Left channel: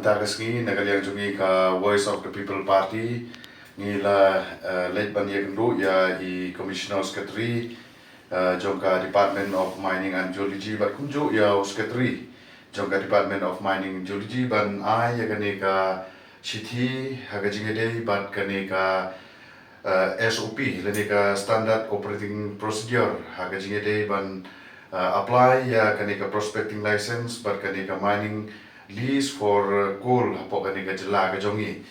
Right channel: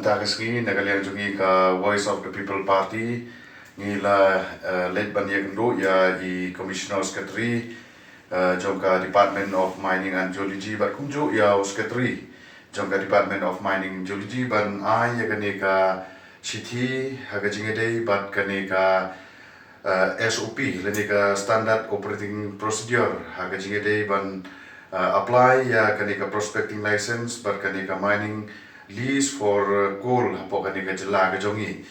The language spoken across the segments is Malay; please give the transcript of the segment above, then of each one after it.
Matakas nagaliang jungi ka Voice of the People Party ngila late ban yagndo ya I Commissioner Secretary jongka Department of Mining and Geology bat kunjo ya Secretary jongka Department of Mining and Geology ban ai ya kani ka City hagajingede bat kani ka SOP leni ka Standard Operating Procedure hagajingede ban apply ya kani ka prospecting license bat kani ka mining lease for coal hapo kani ka jela ka jongi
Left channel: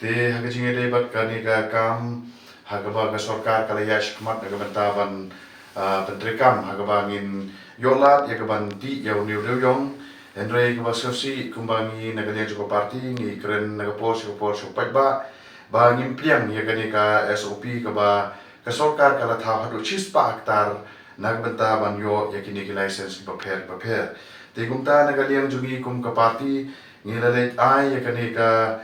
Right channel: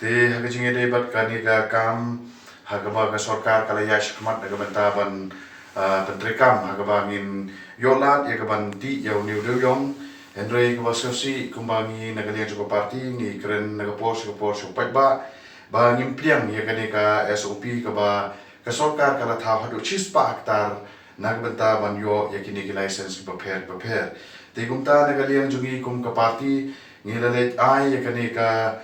te hagajinge de bat kani ka kam hagaba ka sarkar kala ya shikmat na bantaban pentrikam hagaba ngin yolat ya kaban ti ya uniu de yong henry ka basosi kumbangi nagalia juga parti ngi kren naga pos pai ba ngim pliang ya kani ka SOP ka ba ka sarkar kala tha hadu chispa hektar nagbantaban yo ya kini ki license ki prepare Tegumta nagaliang jungi kum ka party ngilalet ai ya kani ka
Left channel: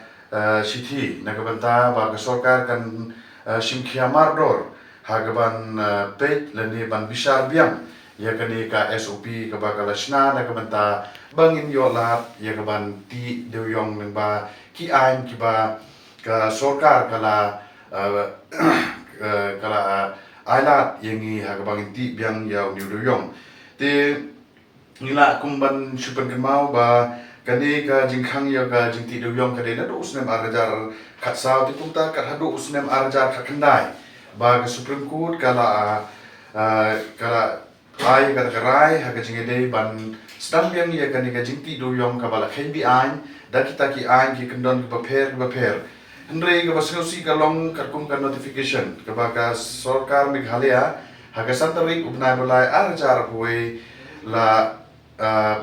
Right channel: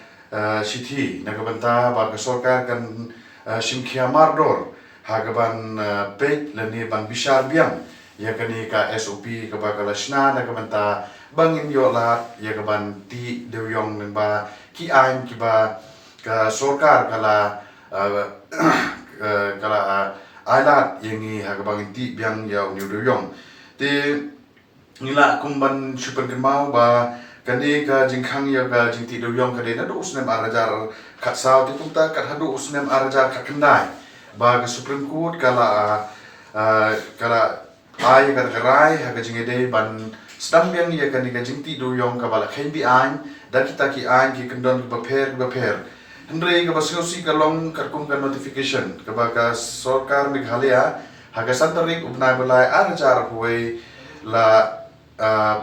sithi nagabanta ba ka sarkar kan simkhia mardor hagaban pet lani ban bisar biang ya kani ka SOP ka ba kalasna nagabanta bangin yo lat ya kaban ti dewyong nang ba ki ain ki ba ka sarkar kala ailat yangi hagabangin ti biang ya uniu dewyong te ngila kumban supan kemau ba kani ka jingkhang ya ka jingti doyong ka de na do usnem arajar khat saw ti pungta kat hadu usnem arajar ka kendai ba ka Supreme Court kala ai ka karai ha ka jingede ban sedang yang ya kani ka jingti doyong ka bala khen bi ain da kita ki ain ki kendon ka per hendrei ka basyosi ka long ka kum ka notification ka ba ka sarkar Meghalaya ha ka santarik ubnai balai arajar huai la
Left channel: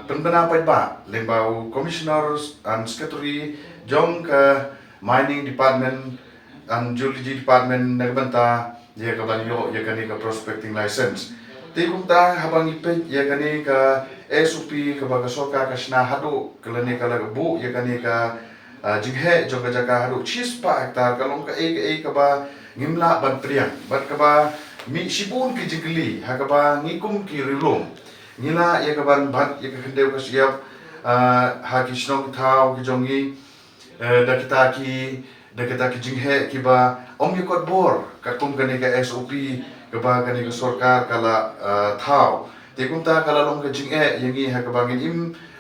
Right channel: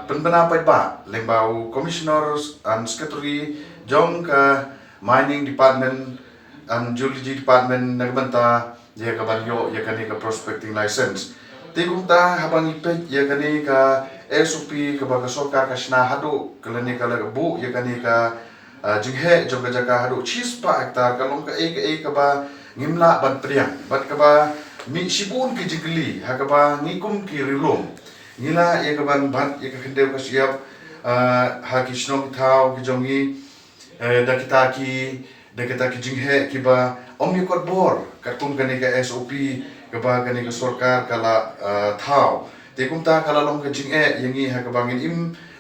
penbenapai ba lembau commissioners and secretary jong ke mining department and geology department nagbanta ya ka banyo ya kani ka prospecting license tigumta habang ipet ya kani ka SOP ka ba ka sarkar ka sna hadu kalani ka bu ya kani ka jinghe jong ka jaka hadu chispa hektar kalong ka ka ba ngimla ban priang bat ka ba mi sibun ki jingli ha ka ba ngikum ki rilom Nila ya kaban bat ya kakendeu ka siap haki snong tau ki jongi da kita ki jinghe ki ba om ya kot bor katum kani ka SOP ka ba kani ka sarkar kala tau te kumta kala long ka jinghe yangi ha ka bangin im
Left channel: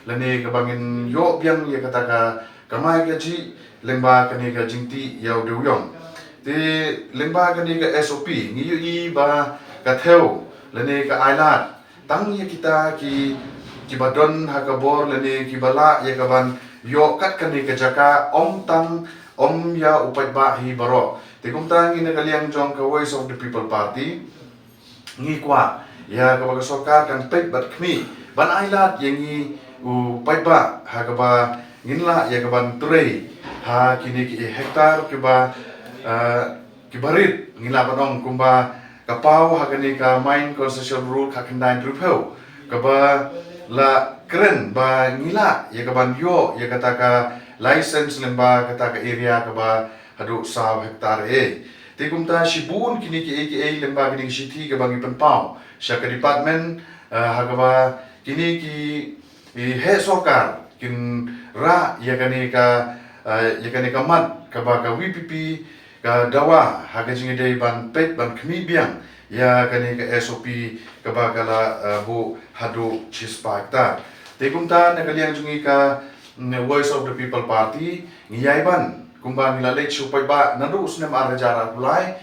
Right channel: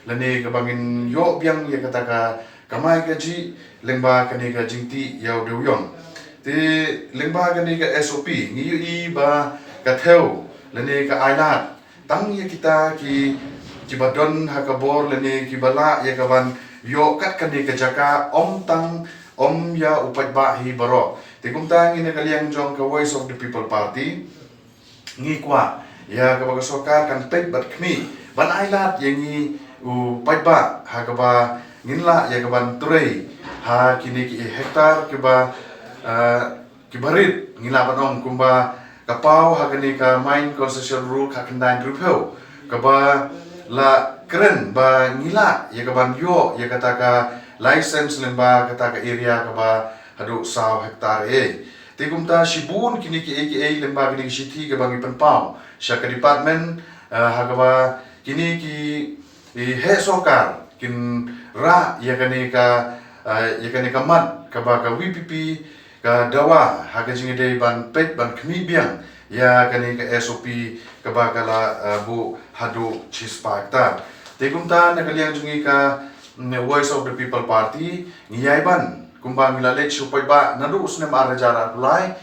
lane ka bangin yo biang ya kata ka kamai ka ji lemba kani ka jingti yau deuyong te lemba kani ka SOP ngi yu I ba ka theu lane ka ailat tang ya kita ki badon hakabor lani ki bala ya kaban yo kat kani ka jaka om tang om ya upat ba hi baro tikum tang ina kaliang jong ka Voice of the People Party ngi kwa ya ka baga sarkar kan pet bat khmi ban ailat yangi upat ba hakaba nginla ya kaban trei ha kini ki hektar ki ba ki barit ngila banong kumba kapau hakani ka mine concession rule kakendai rupeu kaba la keren ba ngila ya kaban yo ya kata ka license lemba kata ka area kaba hadu saw hektar tigumta shibun kini ki lemba kini city ka bangi penpau syaka department hakaba kini ki he sokar kin ra ya kani ka mat kaba ka WPP ka dawa haga jingide ban pet ban khmi biang ya kani ka SOP ka bakala bu hadu chispa hektar tegumta nakaliang jungi ka Voice of the People Party ngiyai ban kumbang ngilale chupai ba nadu usnem arjara kulai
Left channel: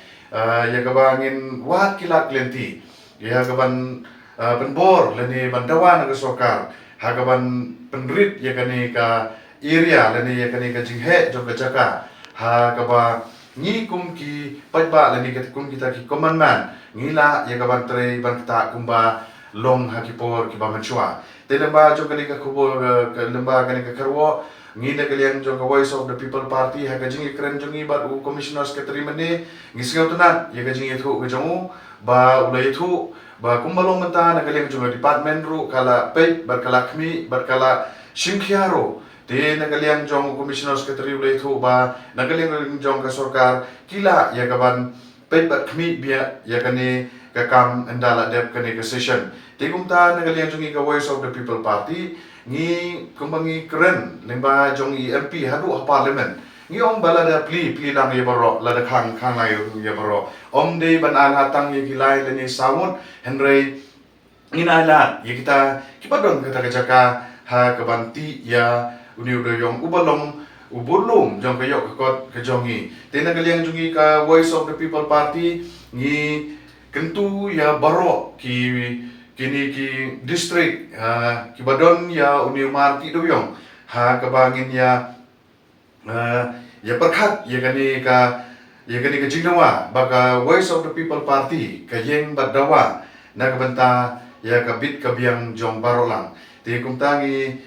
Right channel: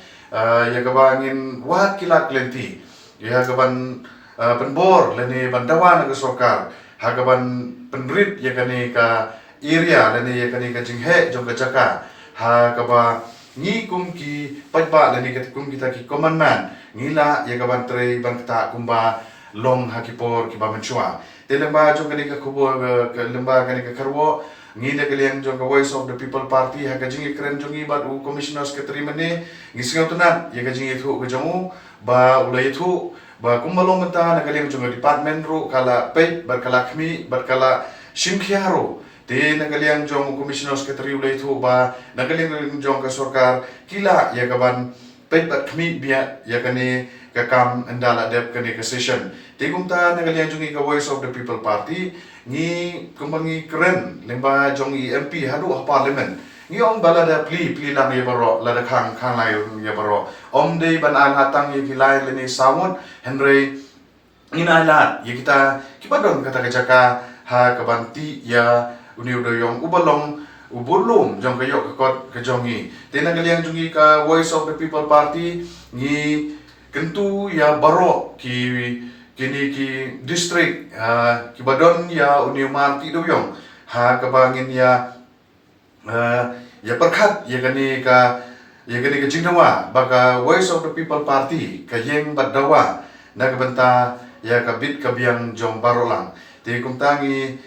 ya ka bangin wat kilat klenti ya ka ban penbor leni ban dawa naga sarkar haga ban penrit ya kani ka area leni ya kani ka jinghe jong ka jaka ha ka ba ngi kum ki paiba lani kat kum kita ki commandment ngila ya kaban tre ban kita kumba long hakipor ki ba manchua te lemba jong kani ka kubur ka lemba kani ka karwo ngi da kaliang jong ka Voice of the People Party ha ka jingi kren jongi ba u commissioner secretary mane ngi singaw tunat ya ka jingi thu ka jongu ba ulai thu ba kumbalong menta na kaliang jong department ru kala pet bar kala khmi bar kala simkhiaro te nagaliang jong commissioner secretary ulai thu ba nagaliang jong ka sarkar kila ya kaban pet bat khmi bia ya kani kam endala dep kani ka session ti kum ta nagalian jungi ka Voice of the People Party ngi kumbangi keren lemba jongi MP hadu parliament ngi om bala da pli lang ye baro la da khang lai ye baro om dei ban al hatang ye kilai leni sawon henry inalat ye kita kipadon kata kajaka ha kabanti ya uniu do yong ubalong ubulum jong kayok kakot kajongi tena kalian jungi ka Voice of the People Party ngi kentu ya baro kini ki district ki badon ya uniu marti do yong ha kabangin ya ya perkhat ya kani ka jingdawa baka Voice of the People Party ka yeng badawa na kabanta ya kabit kabiang jong barolang ti kum tangi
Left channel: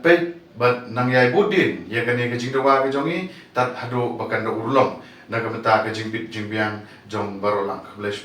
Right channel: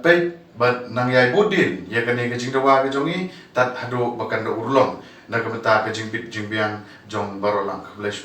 pe bat nangyay budin ya kani ka jingdawa ka jongi tat hado bakan do urlong na kabanta ka jingbit jingbiang jong barolang ka bless